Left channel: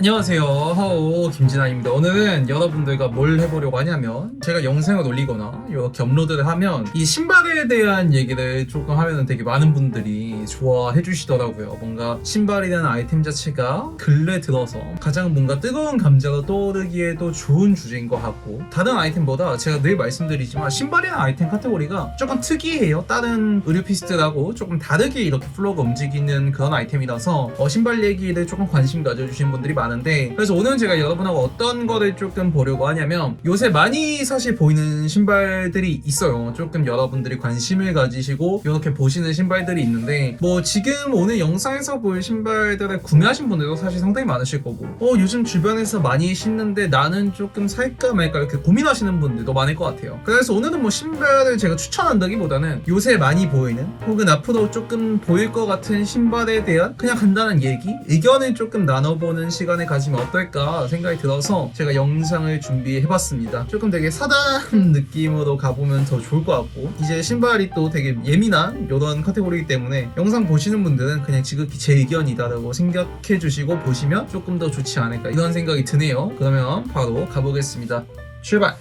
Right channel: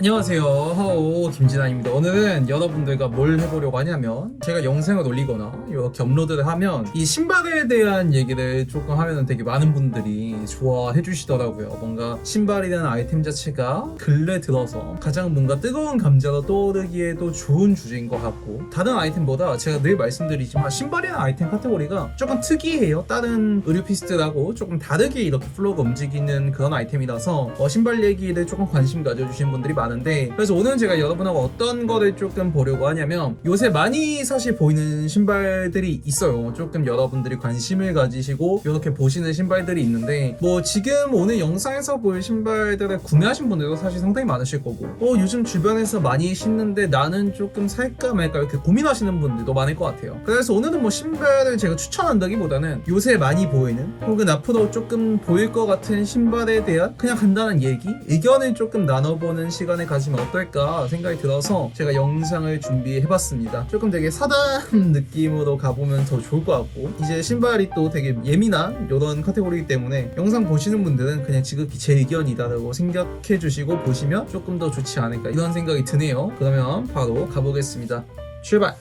안녕하세요, 하오 김진아입니다. 오늘은 여러분들과 뭘 해보려고 하냐면 제가 영상을 올리거나 이렇게 업로드를 하면 이 신발에 대한 얘기를 조금 하면 되게 많은 분들이 좋아해 주시더라고요. 뭔가 신발이라는 아이템 자체가 근래 들어서 가장 뭔가 뜨거운 감자가 떠오르기에도 좋은 주제인 것 같고, 다른 아이템보다 제가 늘 말씀드리지만 신발이라는 아이템 카테고리가 조금 특이해요. 다른 의류피스트라고 조금 다르게 이렇게 플로우가 움직이는 그런 아이템이라서 신발 얘기를 조금 관심 가져주신 분들이 많은데, 그래서 오늘은 제가 여러분하고 어떤 거를 조금 보려고 하냐면, 요새 많이 사실 보이는 신발들이 있어요. 조금 여러분들이 관심을 가지시고 이렇게 보시는 신발들이 있는데, 뭐 지금 오늘 영상에서 볼 신발들을 구매하신 분들도 사실 상당히 많으실 거고, 요즘 주변에서 많이 신는데 나는 조금 살까 말까 이렇게 고민하시는 분들도 많을 것 같아요. 그래서 오늘은 뭐 신발을 제가 추천한다기보다는 요새 많이 보이는 혹은 앞으로 조금 보일 것 같은 신발에 대한 그냥 간단한 얘기, 의견을 조금 나눠보는 시간을 가지면 어떨까 생각이 들어서 제가 영상을 준비해봤습니다. 조금 되게 사담 느낌으로 가보면 더 좋을 것 같고, 이제 신발이 또 되게 예민한 이런 카테고리이기 때문에 영상 보시는 분들은 그냥 지극히 제 의견이다라고 생각해 주시고 보시면 조금 더 좋지 않을까 이런 생각이 드네요. 그러면 바로 가보겠습니다. 출발!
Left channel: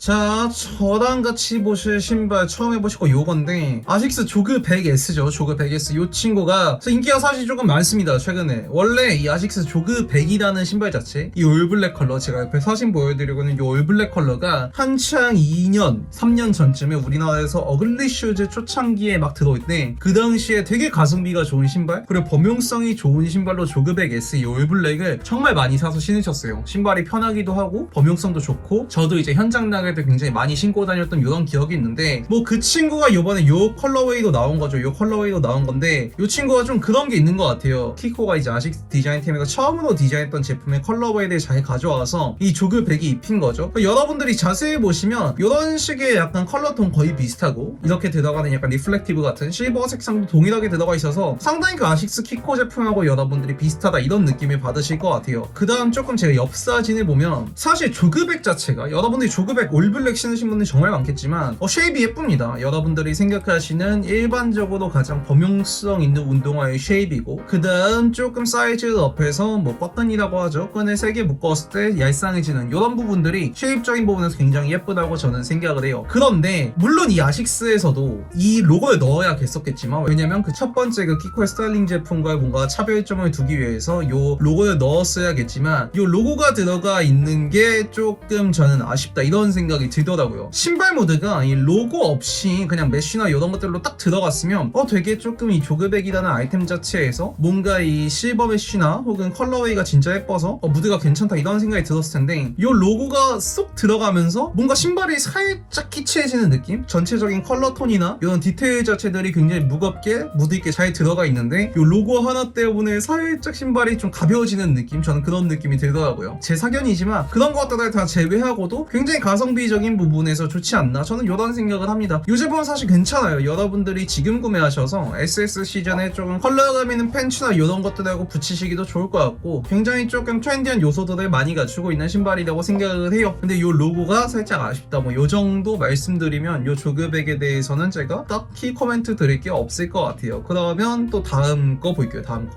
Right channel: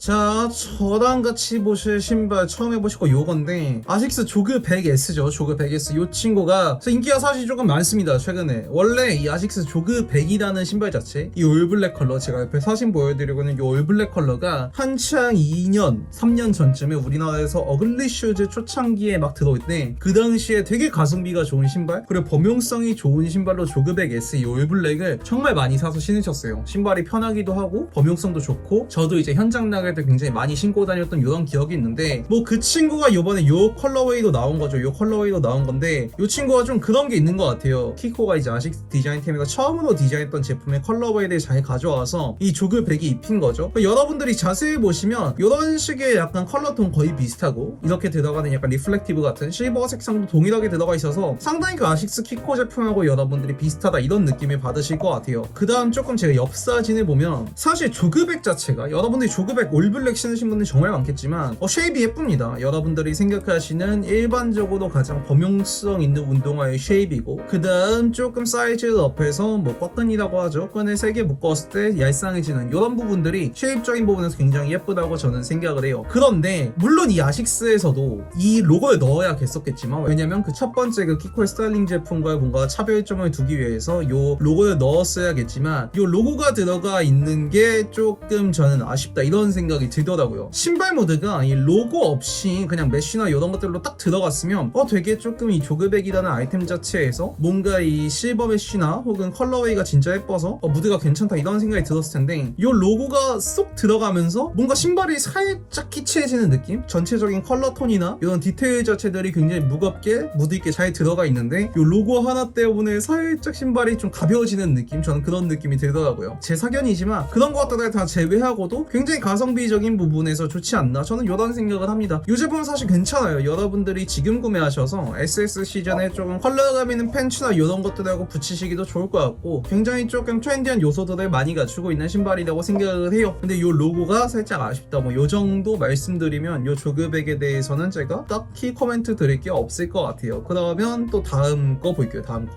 자, 저랑 같이 보실 신발 처음 해보실 거 요건데, 아식스 조그 100S죠. 조그 100S. 요 친구가 인기가 사실 조금 많습니다, 최근에. 원래 이 아식스 조그 100이라는 신발 자체, 이 올블랙 컬러, 제가 옆에 사진 보여드리고는 이 올블랙 컬러가 한창 2년, 3년 전쯤에 우리나라에서 어글리 슈즈 초창기에 막 들어올 때, 그 당시에 되게 가성비가 좋은 신발, 그리고 범용성이 좋은 신발로 조그 100S 이 올블랙을 정말 많이 사서 신으셨어요. 신발이 편하기도 하고 범용성도 좋고, 저도 이제 현장 나갈 때 굉장히 많이 신고 다녔던 이런 기억이 있는데, 뭐 그 친구가 이번에 요 컬러웨이도 나온 거죠. 요 컬러웨이도 나온 건데, 요 친구가 좀 그런 게 있는 것 같아요. 키코가 이제 아식스 디자인팀에서 처음으로 디자인했던 제품의 컬러웨이를 잘 가져와서 이 조그 100이 입힌 거죠. 여러분들이 자세히 보시면 이런 식의 약간 컬러톤 거의 비슷하고, 이렇게 들어가는 약간 리플렉티브 같은 실버 색상도 동일하게 들어가 있어서 상당히 그 아식스 키코 제품하고 여러분들이 비슷하다 이런 느낌을 받으실 것 같아요. 그 다음 조금 제가 옆 사진을 보면, 사실 조그 100 자체가 여러분들이 조그 100 올블랙 신으신 분들이 정말 많겠지만 쉐입이 예쁩니다. 여러분들이 생각하시는 일반적으로 가장 범용성 있는 운동화의 쉐입이고, 그 다음 조금 사이즈를 업해서 뭐 버튼이라고 하죠. 끈을 세게 묶었을 때 얄쌍해지는 이런 부분들이 쉐입적인 부분에서 굉장히 예쁘다고 저는 생각을 해요. 그런데 물론 이 아식스에서도 이 로고를 넣어야겠었겠지만, 왜냐면 그 첫 번째 그 키코의 스타일링 제품과 뭔가 차별점을 두기 위해서 이 로고를 넣었어야겠지만, 이 로고가 들어가 있는 게 조금 저는 아쉽다 이런 생각이 들더라고요. 신발 모드가 이 로고 없이 그냥 메쉬나 이런 것들로 딱 들어갔으면 되게 조금 이 조그백이라는 아이템 자체에서 뭔가 이 실버 메쉬나 혹은 컬러웨이가 진짜 예뻐서 무드가 괜찮다 이런 생각이 들었을 텐데, 이 로고가 쏙 들어가면서 뭔가 신발이 살짝 키치해지는 느낌? 전체적인 컬러톤이나 이런 디테일 자체들이 굉장히 무겁게 무드 있게 잘 들어가 있는데, 이 로고 하나 때문에 살짝 신발이 좀 가벼워지는 느낌? 저는 그런 느낌이 들더라고요. 제 사견이지만 그런 것들을 다 제외하고도 굉장히 가성비적인 부분에서 좋지 않나, 저는 이런 생각을 합니다. 이 제품은 사실 괜찮아요. 여러분들이 지금 구매하셔서 SS 시즌에 조금 컬러감 있는 팬츠나 이런 것들하고 붙이시기도 좋을 것 같고, 굉장히 조금 트렌디한 요소들을 많이 갖추고 있는 신발이라고 생각을 해요. 근데 이 로고가 살짝 아쉽다, 뭐 이 정도 말씀드리면 이 조그백에 대해서는 제가 딱히 코멘트 드릴 게 없을 것 같아요. 그러면 또 다음 거 볼게요. 다음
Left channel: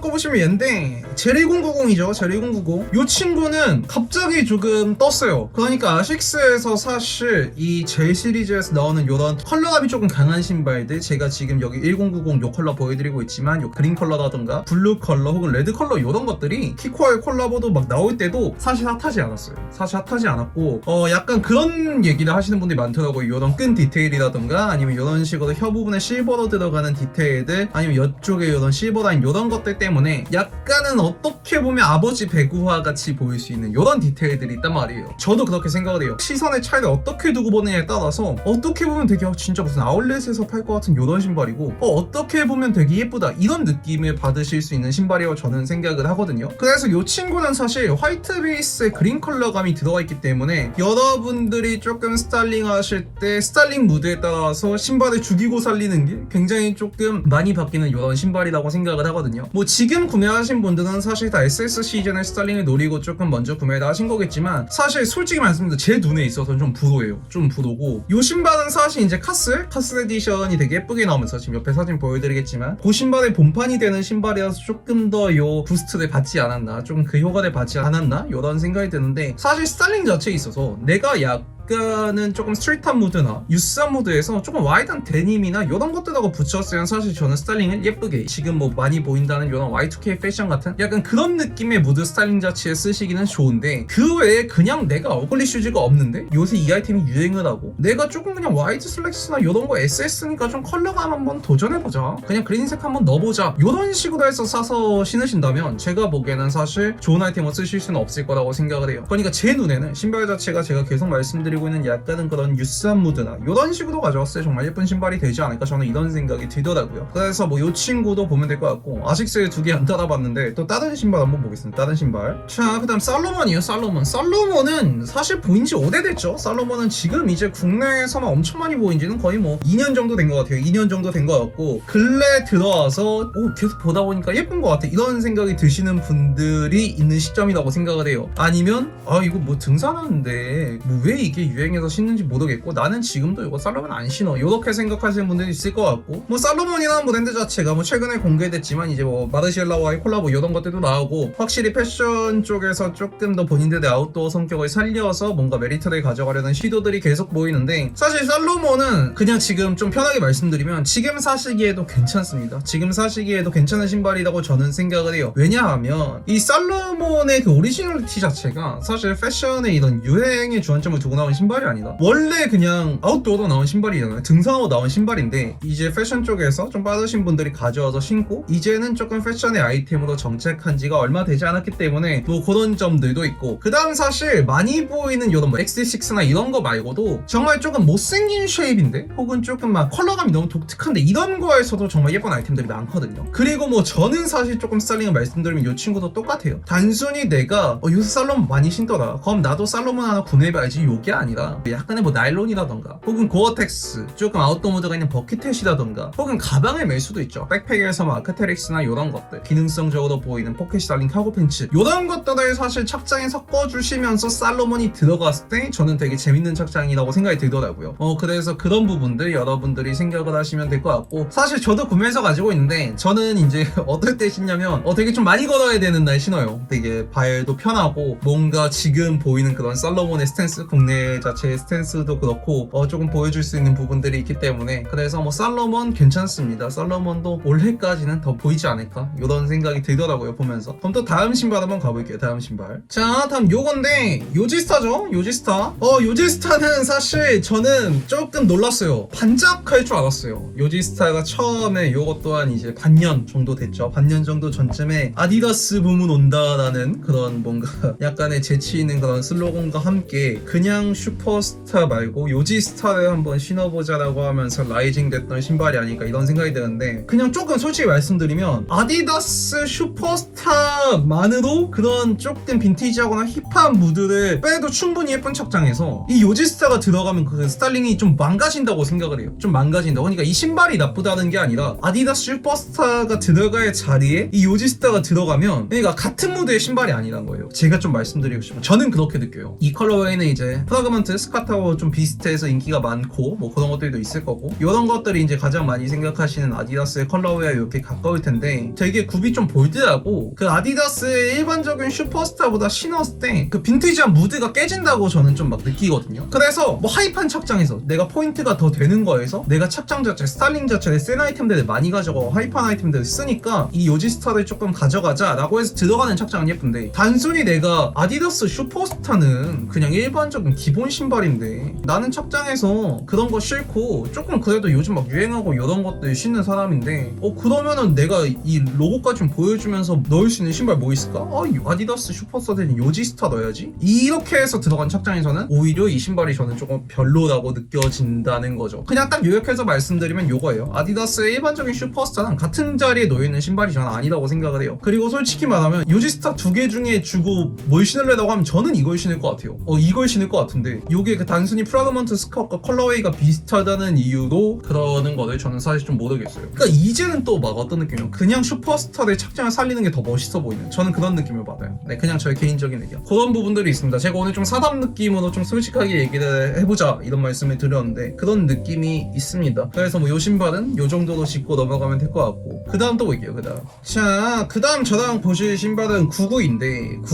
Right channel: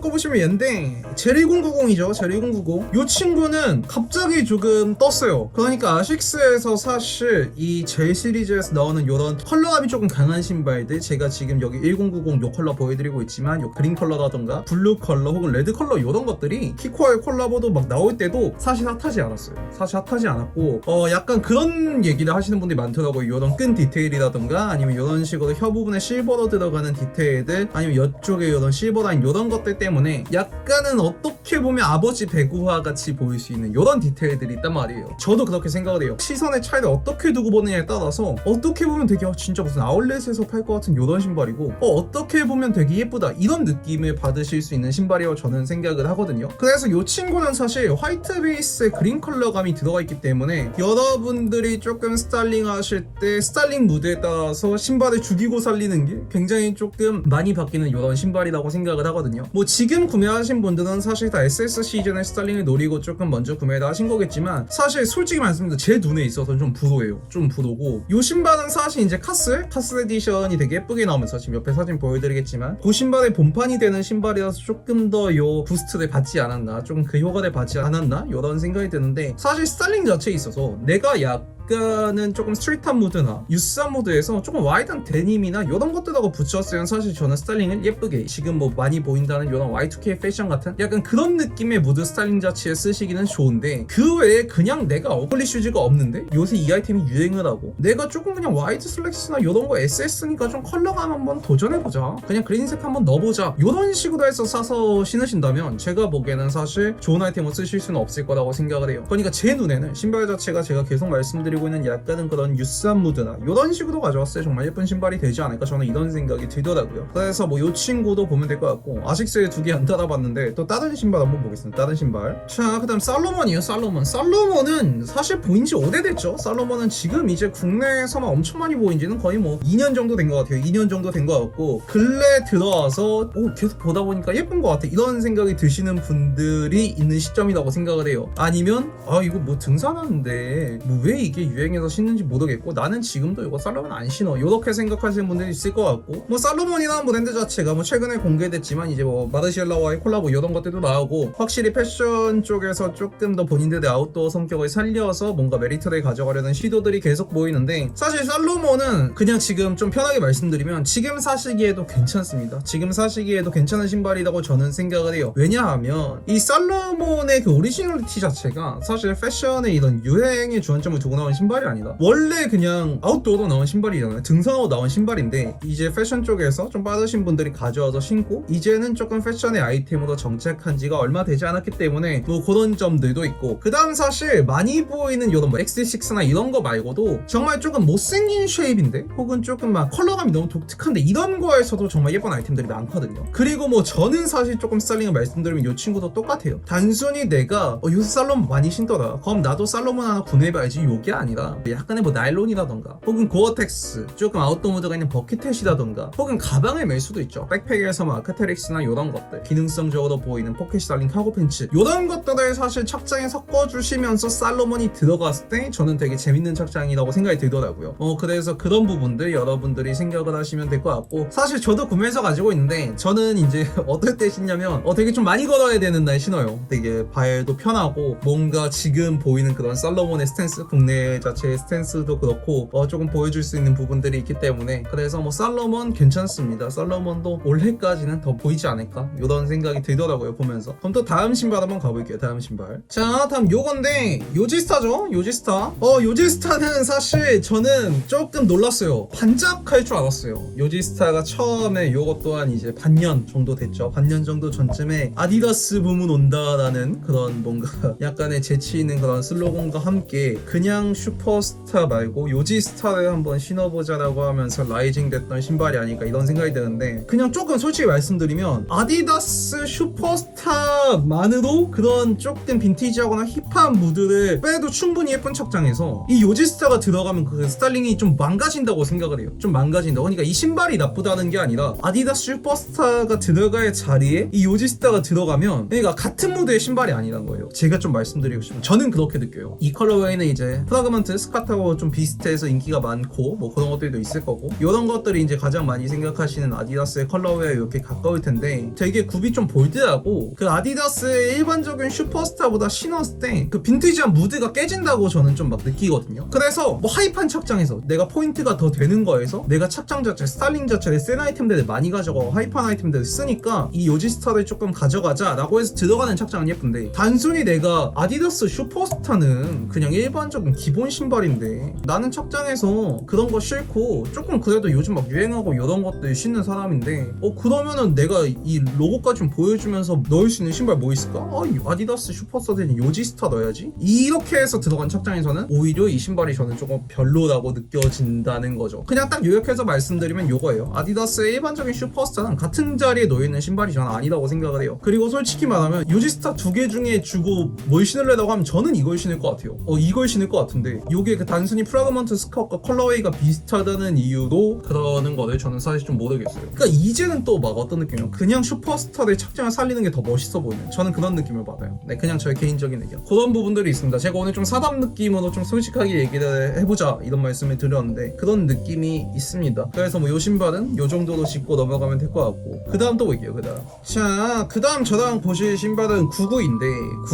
거 보시면 얘인데, 제리090이죠 제리090. 이 친구는 갑자기 조금 떴어요. 그러니까 아식스에서 사실 이 젤 시리즈에서 나오는 이런 컬러감이 조금 강한 신발들, 제가 지금 여기 1090 요 컬러 보여드리고 있지만 요 그린 컬러라던가 블루 컬러 혹은 레드 컬러 이런 것들이 키코와의 콜라보도 막 나올 때도 사실 핫하지 않았어요. 사실 핫하지 않았고, 약간 그런 얘기를 하시는 분들이 많더라고요. 이런 끈 디테일이라던가 아니면 이런 식으로 혀 부분에 실버로 들어가는 디테일들, 아니면 이쪽에 이런 실버 라인 이런 것들 때문에 약간은 어떻게 보면 아버지 배구화 같이 보일 수 있는 이런 디테일들이 있단 말이에요. 저도 그렇게 생각을 해요. 시선의 차이를 어떻게 두고 보느냐에 따라서 어떻게 보면 되게 진짜 무슨 아울렛에서 팔 것 같은 이런 신발이고, 어떻게 보면 되게 예쁘다 이런 느낌을 받으실 수 있는 신발이라고 저는 생각을 하거든요. 그래서 이 친구는 사실 화이트 베이스에 그린 컬러감이 들어가 있기 때문에 여러분들이 조금 스타일링 하실 때 스타일링 무드에 따라서 신발을 죽이고 살리는 게 굉장히 조금 많이 바뀌는 이런 신발이라고 생각을 하거든요. 뭐 지금 구매하신 분들은 사실 다 제가 SS 시즌의 스타일링을 노리고 조금 먼저 구매를 하신 거겠지만 사실 솔직히 말씀드리면 제 눈에 있어서는 좀 부도예요. 좀 부도고 요 신발은 사실 이제 카스 에디션이 되게 예쁘게 나오면서 지금 옆에 사진 보여드리겠지만 그 신발의 본판이 되는 신발이라서 조금 더 요 부스트를 받지 않았나, 좀 그 효과를 받지 않았나 이런 생각이 드는데, 사실 스타일링 자체에 있어서 내가 약간은 조금 스트릿한 무드나 유스한 무드에서 조금 와이드한 데님이나 이런 것들하고 붙였으면 사실 저는 스타일링을 예쁘게 지금 뭐 많이 보인다는 이런 Y2K 패션 같은 약간 그런 느낌의 무드 스타일링 자체에 쓰시기는 좋은데, 그 외에 그냥 내가 어글리 슈즈가 없는데 요새 이 아이템이 유행을 하고 내가 조금 그냥 와이드 슬랙스나 이런 거 SS니까 좀 컬러감 한번 도전해보자, 그냥 그린색 한번 넣어보자 이런 식으로 해서 사서 신으신다면 제가 보기에는 사실 좋은 아이템을 쓰실 수는 없을 거라고 생각을 해요. 그러니까 제 눈에는 신발 자체가 제가 계속 말씀드리고 있는 약간은 그런 유스한 무드나 이런 식으로 가져왔을 때 정말 예쁜 신발이 되지 않을까, 저는 이런 생각이 들더라고요. 그래서 뭐 이 친구도 보면 될 것 같고, 아식스에 2개 안 달아봤는데 또 다른 신발 한번 보겠습니다. 다른 신발. 자, 그 다음 살로몬이에요. 살로몬은 사실 보인 지 오래됐죠. 살로몬은 지금 이제 국내에서만 엄청 많이 보인 지는 거의 뭐 2년 정도 된 것 같아요. 2년 정도 된 것 같고, 근래 들어와서 계속 보다 보니까 예쁜 것 같아 이런 생각이 드시는 분들이 있는 시점이라고 생각을 해요. 아니면 이거 뭐 등산하는데 뭐 왜 이게 유행해서 신는지 모르겠고 나는 지금도 이거 살로몬 안 신어 이렇게 생각하시는 분들이 있을 것 같고, 뭐 살로몬이라는 브랜드 자체가 뭐 최근에 공개됐지만 이제 뭐 마르시엘라와의 콜라보 이런 것들도 나오고, 확실히 패션 쪽에서 조금 더 본인들의 아웃도어 성격을 살려서 뭔가 메리트를 가져가려는 시도들이 계속 보이는데, 사실 살로몬은 그냥 지금 좀 편하게 말씀드리면 지금 사시기에도 괜찮습니다. 지금 사시기에도 괜찮은 신발이라고 저는 생각을 해요. 왜냐하면 이 살로몬의 그 오리지널리티 자체가 사실 패션의 이런 유행의 주안점을 두고 나온 신발이 아니다. 원래 그냥 아웃도어로 나온 신발이잖아요. 등산으로 나온 신발인데 이제 패션 쪽에서 좀 빠르신 분들이 가져와서 신고 이제는 조금 패션의 아이템으로 정착한 지가 얼마 되지 않았기 때문에 뭐 그런 점들도 있고, 그 다음 사실 많이 보이는 이런 뭐 X6나 이런 거 말고도 정말 조금 못생긴 쉐입인데 혹은 조금 막 컬러감이 너무 독특한데 이런 거에서도 정말 예쁜 아이템들이 많거든요. 그리고 뭐 저는 사실 조금 스타일링을 말씀드리면 이 친구도 똑같아요. 단순히 내가 요새 살로몬 많이 신더라, 그럼 나도 살로몬 하나 구매해봐야지 요게 아니라 약간의 뭐 나일론이라던가 혹은 고어텍스 조금 아웃도어 모드가 있는 버킷햇이라던가 혹은 가방에 멜 수도 있죠. 백팩에서 뭐 아크테릭스나 이런 것들, 기능성적으로 보이는 포켓이 달린 카고 팬츠 이런 것들을 사실 착장에 섞어주시면서 살로몬이 들어갔을 때 저는 되게 재밌는 착장이라고 생각이 들더라고요. 그래서 그런 부분들 여러분들이 생각을 하시면 될 것 같고, 사실 저도 구매해서 가지고 있는데 저는 이제 어떨 때 신냐면 되게 좀 많이 걸어야 되는 날 신어요. 되게 발도 편하고 뭔가 지금 보이는 그런 살로몬의 스탠스, 국내 자체의 스탠스도 그렇고 조금 보여줄 수 있는 부분들이 있기 때문에, 그래서 뭐 살로몬 괜찮습니다. 살로몬도 올해까지는 더 보이지 않을까 이런 생각이 들더라고요 보면서. 그럼 또 다음 신발 한번 가볼게요. 다음 신발. 자, 다음 요건데 요지스타죠. 요지스타는 사실 저는 조금 놀랐어요. 반짝할 줄 알았어요. 요지스타가 처음에 요것 또한 이제 반년 정도 됐죠. 반년 정도 전쯤에 아디다스 붐은 온다라는 그런 뭔가 약간의 재치 있는 그런 슬로건과 함께 그냥 슈퍼스타 말고 요지스타를 한번 신어보자라고 하면서 라이징 됐던 신발이 아닐까 이런 생각이 드는데, 그냥 조금 솔직히 말씀드리면 아디다스 슈퍼스타만으로 그런 조금 빈티지하거나 힙한 무드를 빼도 충분히 예쁜 착장에서 이 요지스타가 들어가면 그 스타일링이 좀 망가진다고 생각을 해요. 좀 망가진다. 그러니까 이 신발이 나쁘다는 게 아니라 아디다스 슈퍼스타가 들어갈 자리에 이 요지스타가 들어가면 그러니까 같은 무드의 신발이 아니란 거예요. 제가 좀 말씀드리고 싶어요. 저는 그렇게 느껴요. 이 컬러웨이는 이제 프라그먼트 스카타하고 좀 비슷해서 인기가 많고 뭐 그런 것들도 있을 거고, 이런 것들이 이제 가장 많이 생각하시는 아디다스의 컬러웨어 이렇게 가까울 텐데 되게 굽이 좀 볼드하고 그 아디다스의 일반적인 슈퍼스타보다 신었을 때 그 빈티지한 무드가 깨진다고 저는 좀 막 느끼거든요. 그래서 뭐 하이판 착장에서 내가 포인트가 더 되는 거에서 내가 착장 자체, 스타일링 자체를 센 아이템들을 많이 가져가고 하이판 아이템들을 쓰니까 이 요지스타를 조금 가져가자 라고 해서 들어가는 착장은 예쁜데, 단순히 내가 아디다스 슈퍼스타는 그냥 일반적인 기본 신발인데 나는 착장에서 그런 거 싫고 조금 그래도 요즘 막 유행하고 이런 것들 신는 사람인데 그러면은 내가 이 로고까지 좀 보여주면서 넣을 수 있는 신발 뭐 있을까? 아디다스 슈퍼스타 대신 요지스타 넣어야지, 이렇게 해서 들어간 착장에서는 오히려 이 신발이 저는 조금 별로라고 느껴진다는 거죠. 그냥 딱 요약해서 말씀드리면 요거예요. 아디다스의 일반적인 슈퍼스타는 같은 자리에 놓여있는 신발이 저는 아니라고 생각을 해요. 그리고 솔직히 말하면 요지스타 2개 중에 주고 뭘 신을래라고 하면 저는 이걸 신을 것 같아요. 이걸 신을 것 같은데 이게 그 단순히 프라그먼트 스커트과 컬러웨이가 비슷하다는 이유로 그러는 거를 저는 사실 좀 모르겠어요. 그러니까 이제는 또 막 어떤 느낌이요? 그냥 슈퍼스타의 착장을 살리는 게 더 멋있어 보이는, 저는 그런 느낌을 받아요. 네, 그냥 저의 개인적인 의견. 그런 부분들이 있습니다. 제가 오늘 좀 사담 느낌으로 좀 솔직하게 얘기를 해보자 이런 말씀을 드렸는데 그런 느낌이 있습니다. 그래서 뭐 요 신발은 요 정도로 짚고 넘어가면 될 것 같고, 그 다음 또 볼게요. 그 다음 저랑 보실 신발은 992인데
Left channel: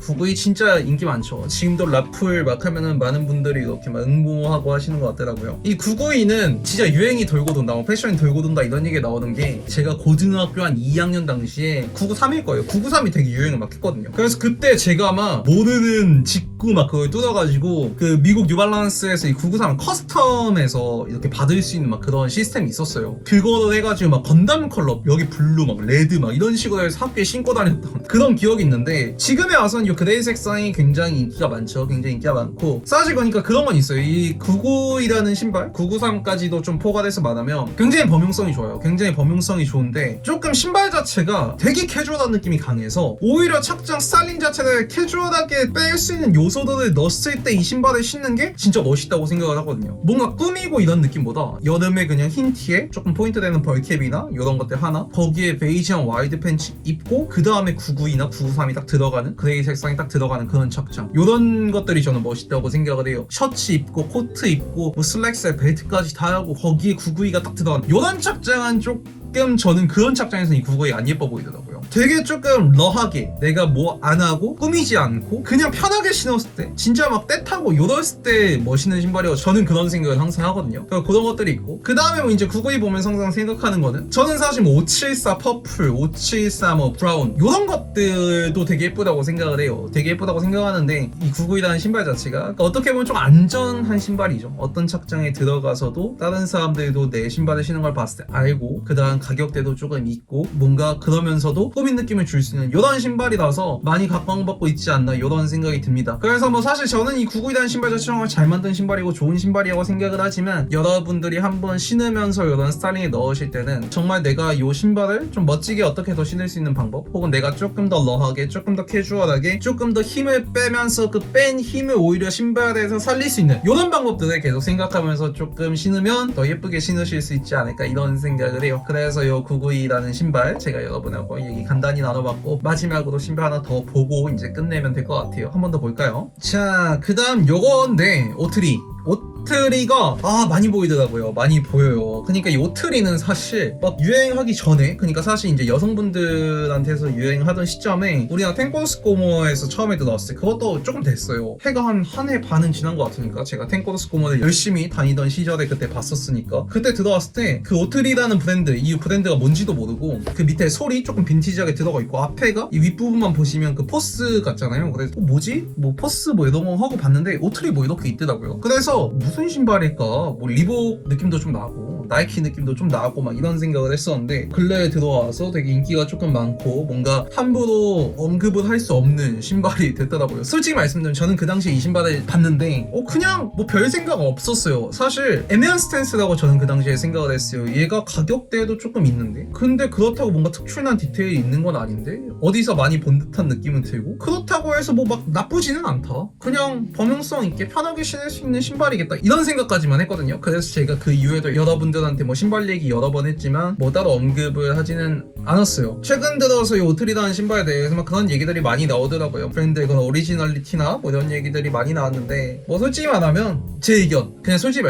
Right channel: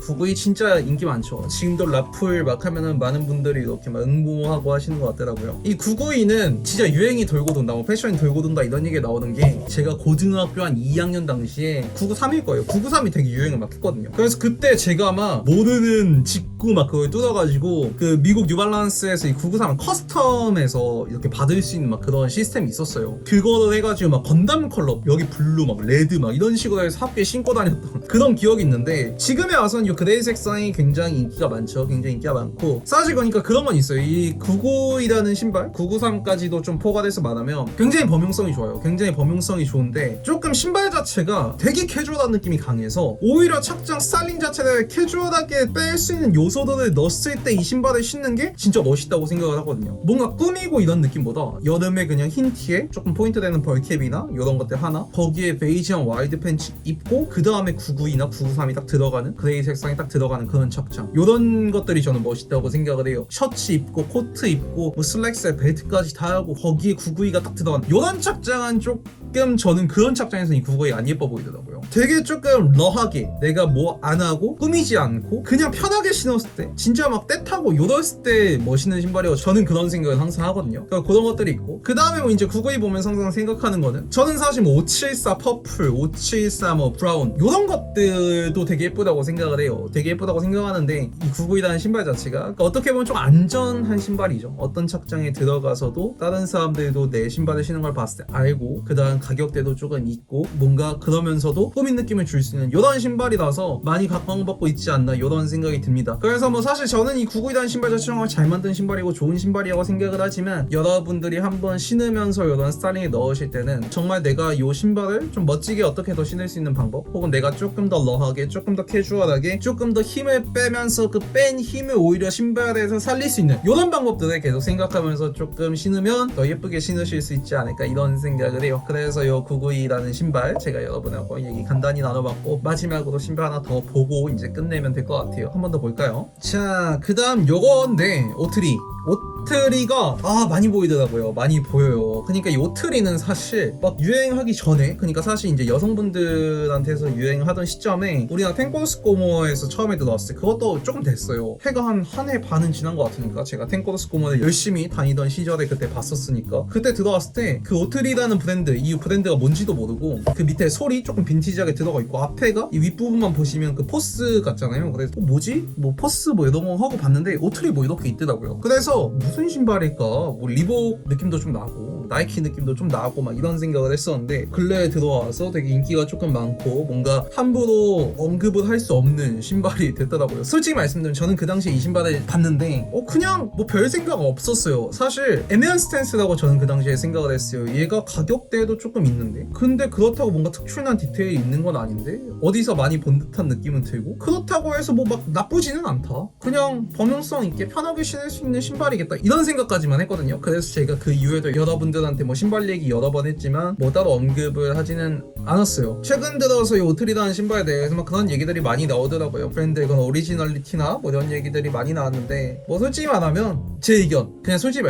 992 진짜 인기 많죠. 지금도 라플 막 하면은 많은 분들이 이렇게 막 응모하고 하시는 것 같더라고요. 이 992는 진짜 유행이 돌고 돈다, 뭐 패션이 돌고 돈다 이런 얘기 나오는 게, 제가 고등학교 한 2학년 당시에 993일 거예요. 993이 되게 유행을 막 했거든요. 그래서 그때 제가 아마 모르는 직구 막 그걸 뜯어가지고 그 미국 뉴발란스에서 이 993을 커스텀해서 이렇게 받을 수 있는 막 그런 시스템이 있었어요. 그거를 해가지고 막 건담 컬러, 여기 블루 막 레드 막 이런 식으로 해서 학교에 신고 다녔던 그런 기억이 있는데, 지금에 와서는 이 그레이 색상이 굉장히 인기가 많죠. 굉장히 인기가 많고, 사실 그러니까 그런 건 있어요. 이 992라는 신발, 993까지도 좀 포괄해서 말하면 굉장히 범용성이 좋아요. 굉장히 범용성이 좋은데 조금 신발 자체가 되게 캐주얼한 느낌이 강해서 오히려 착장 스타일링 자체를 캐주얼하게 뺄 수 있는 요소들을 넣었을 때 이 신발을 신는 게 진짜 멋있다고 생각을 하거든요. 뭔가 꾸미고 이런 느낌보다 여름에 그냥 흰 티에 조금 포인트 되는 벌캡이나 이런 것들 하나, 거기에 베이지한 와이드 팬츠 입고 그 다음에 992나 993이 딱 들어가는, 그레이 색상이 딱 들어가는 그런 착장, 이런 것들이 저는 멋있다고 생각을 해요. 셔츠 입고 코트 입고 뭐 슬랙스에 벨트까지 다 하고 거기에 992가 딱 들어가는 이런 착장은 조금 저는 그런 착장에서는 이 992 안 예뻐 보이더라고요. 되게 조금 러하게 내가 뭐 안 하고 꾸미지 않고 그냥 편하게 신었을 때, 진짜 막 때 타고 이랬을 때 멋있는 신발이고, 저는 그런 생각을 항상 하거든요. 그러니까 그런 것들이 있고, 그 다음에 뭐 이제 992 보면서 항상 생각하는 거는, 저는 사실 뭐 574 퍼플, 574 뭐 브라운 이런 것들도 되게 예쁘다고 생각을 해요. 되게 예쁘다고 생각하는데 이 992라는 신발 자체가 그러니까 어떻게 보면 좀 안전한 신발이죠. 어떤 착장에 들어가서도 다른 사람들도 내 신발을 신는 걸 봤을 때 알고, 그 다음 가격대도 조금 있고, 뭔가 그러면서도 꾸민 느낌을 줄 수 있는 이런 신발이라서 많이 각광받고 있지 않나 이런 생각이 듭니다. 그래서 뭐 사실 저는 이 992라는 신발 자체가 정말 잘 만든 신발이고 좋은 신발이라고 생각을 하지만, 여러분들이 한번 신으면서 이런 스타일링에 넣으실 때는 정말 내가 이 신발을 좀 멋지게 어떻게 더 신을 수 있는 방법, 혹은 내가 조금 더 러하게, 조금 더 캐주얼하게, 조금 더 힘을 빼면서 그 뺀 힘을 오히려 신발에서 살릴 수 있는 이런 방법들을 계속 생각하면서 조금 신으면 더 예쁘게 신으실 수 있지 않을까 이런 생각을 해요. 그래서 이 992라는 신발 제가 여러분하고 얘기 간단히 나눠봤고, 마지막으로 신발 하나 더 보고 이제 끝내면 될 것 같아요. 한 번 더 볼까요? 자, 그 다음 요건데 오트리가 많이 보이더라고요. 많이 보여요. 그러니까 이 오트리는 사실 막 유행하기 전에, 그러니까 사실 이제 여성분들한테서 유행하던 시점에 우리나라 탱코스코모에서 처음에 들어왔을 때 그것도 조금 됐어요. 해가 한 해 반은 지난 것 같으니까, 제가 탱코스코모를 열심히 다니던 시절에 그때 봤었으니까, 그때 들어왔을 때 그 오트리라는 브랜드, 이 브랜드가 뭔지도 모르고, 그 밑에 솔이 조금 빈티지하게 들어가 있고, 앞에가 이 윗부분만 보시면 그 포스 같잖아요. 그래서 뭐지? 뭐 포스 뭐 이런 거 하고 봤는데 오트리 뭐 이렇게 있더라고요. 그래서 무슨 신발일까? 뭐 리복 느낌도 좀 나고 나이키 느낌도 좀 나고 막 이런 생각을 했었는데, 근래에 들어와서 되게 인기가 조금 많고 뭔가 함부로 언급을 할 수 없는 신발이 됐더라고요. 솔직히 말씀드리면 저는 그 당시에 이 신발을 봤는데 그냥 뭐 별 생각 없었어요. 사실 애매한 스탠스라고 저는 그 당시에 생각을 했어요. 얘가 가격대도 조금 있는데, 근데 그렇다고 뭔가 특출난 디테일이 있는 건 아닌데, 어디서 많이 본 듯한 느낌은 들고, 그렇다고 해서 뭐 막 나쁘지는 않다, 그냥 범용성 있게 편하게 신을 수 있는 신발이겠다 이런 생각까지만 했거든요. 그래서 제가 그 이후에도 여러분들한테 뭐 신발 얘기 여러 번 했지만 뭐 따로 언급을 하지는 않았어요. 최근 들어서 이 오트리라는 신발에 대해서 막 그런 얘기들이 많이 나오더라고요. 브랜드의 그런 오리지널리티나 뭐 이런 얘기들이 많이 나왔는데, 뭐 솔직히 말하면 제 의견, 그냥 솔직히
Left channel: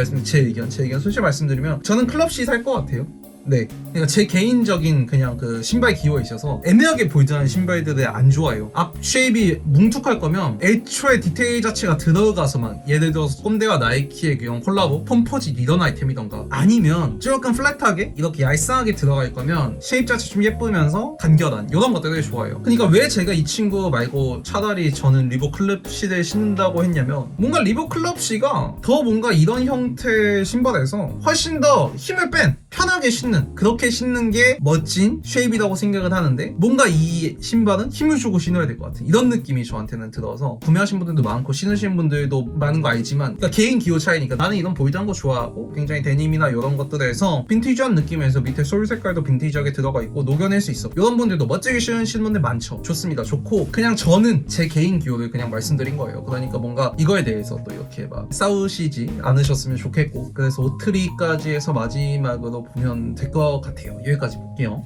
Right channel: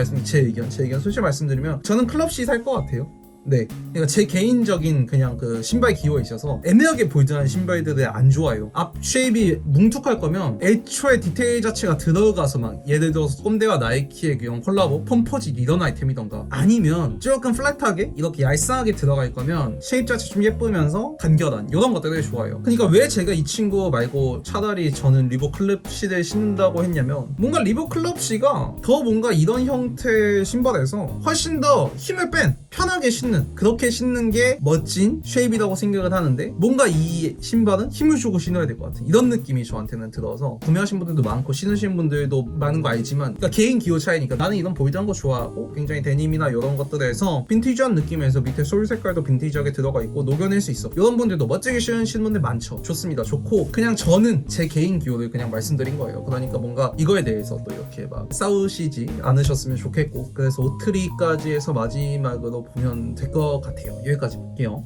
솔직히 말씀드리면 저는 클럽C 살 것 같아요. 네, 그러니까 제 개인적인 그냥 그 신발 기호에 있어서 애매하게 보이드하는 신발들을 안 좋아해요. 앞 쉐입이 뭉툭할 거면 애초에 디테일 자체가 들어가서 막 예를 들어서 꼰대와 나이키의 그런 콜라보 폼포지 이런 아이템이던가, 아니면 조금 플랫하게 이렇게 얄쌍하게 들어갈 거면 쉐입 자체 좀 예쁘면서 간결한 이런 것들을 좋아해요. 그러니까 왜 제가 이 친구 말고 차라리 저는 리복 클럽C를 신는다고 했냐면, 뭔가 리복 클럽C가 더 뭔가 이런 형태의 신발에서 훨씬 더 힘을 뺀 편하게 신는, 그렇게 신는 게 멋진 쉐입이라고 생각을 하는데 뭔가 이 신발은 힘을 주고 신어야 될 것 같아. 이런 느낌이 저한테는 들어서 구매하신 분들도 많고 신으신 분들도 많은 거 알지만 그러니까 개인 기호 차이니까 나는 이런 볼드한 거 좋아하고 굉장히 데님이나 이런 것들에서 빈티지한 느낌에서 밑에 솔 색깔도 빈티지하게 들어가 있고 녹여낼 수 있어. 이런 분들도 멋지게 신으시는 분들 많죠. 좋습니다. 좋고 그냥 저는 제 개인 기호를 그냥 말씀드린 거예요. 그러니까 뭔가 이거에 대해서 또 이렇게 막 싸우시지 않으셨으면 좋겠고 그래서 오트리까지 해서 마지막으로 보면 될 것 같아요. 여기까지 볼게요.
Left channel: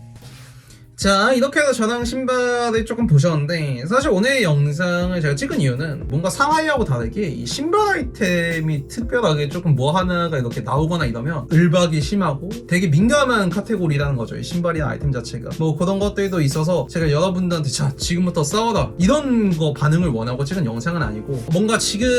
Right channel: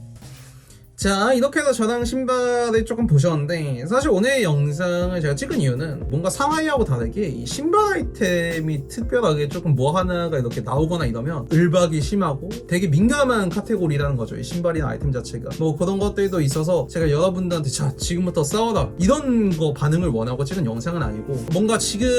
자, 이렇게 해서 저랑 신발을 조금 보셨는데 사실 오늘 영상을 제가 찍은 이유는 뭔가 상하이하고 다르게 이 신발 아이템이 특별하게 조금 뭐 하나가 이렇게 나오거나 이러면 을박이 심하고 되게 민감한 카테고리라는 거죠. 이 신발이나 아이템 자체가 뭐 그런 것들도 있어서 제가 여러분들한테 자 지금부터 싸워라 이런 거 반응을 원하고 찍은 영상은 아니고 뭔가 지금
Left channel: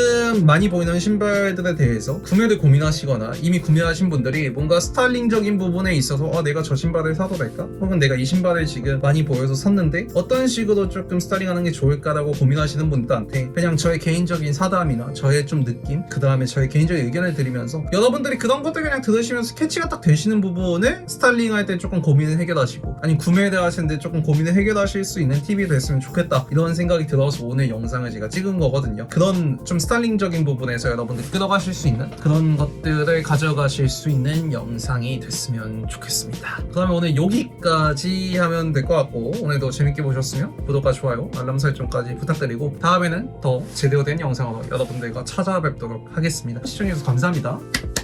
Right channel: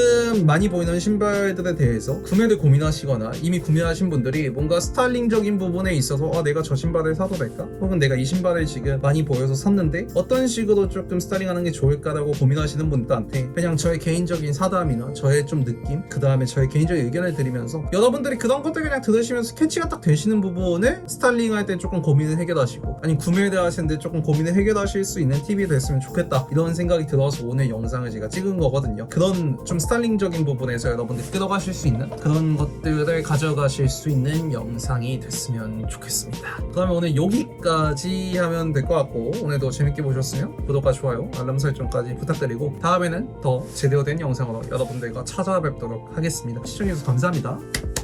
많이 보이는 신발들에 대해서 구매를 고민하시거나 이미 구매하신 분들이 뭔가 스타일링적인 부분에 있어서 내가 저 신발을 사도 될까? 혹은 내가 이 신발을 지금 많이 보여서 샀는데 어떤 식으로 조금 스타일링하는 게 좋을까라고 고민하시는 분들한테 그냥 저의 개인적인 사담이나 저의 좀 느낌 그 다음에 저의 개인적인 의견을 드리면서 여러분들이 그런 것들 그냥 들으시면서 캐치가 딱 되시는 부분을 스타일링할 때 조금 고민을 해결하시고 아니 구매를 하시는데 조금 고민을 해결하실 수 있는 팁이 됐으면 좋겠다 이런 생각이 들어서 오늘 영상을 제가 찍은 거거든요. 그런 좀 스타일링적인 부분에서 여러분들이 끌어가실 수 있는 그런 것들을 가져가실 수 있는 영상이 됐으면 좋겠습니다. 그러면 오늘 여기까지 하면 될 것 같고 오늘도 재밌게 보셨으면 구독과 좋아요 알람 설정까지 부탁드리고 다음에는 더 제대로 된 영상으로 여러분들과 찾아뵙도록 하겠습니다. 시청해주셔서 감사합니다.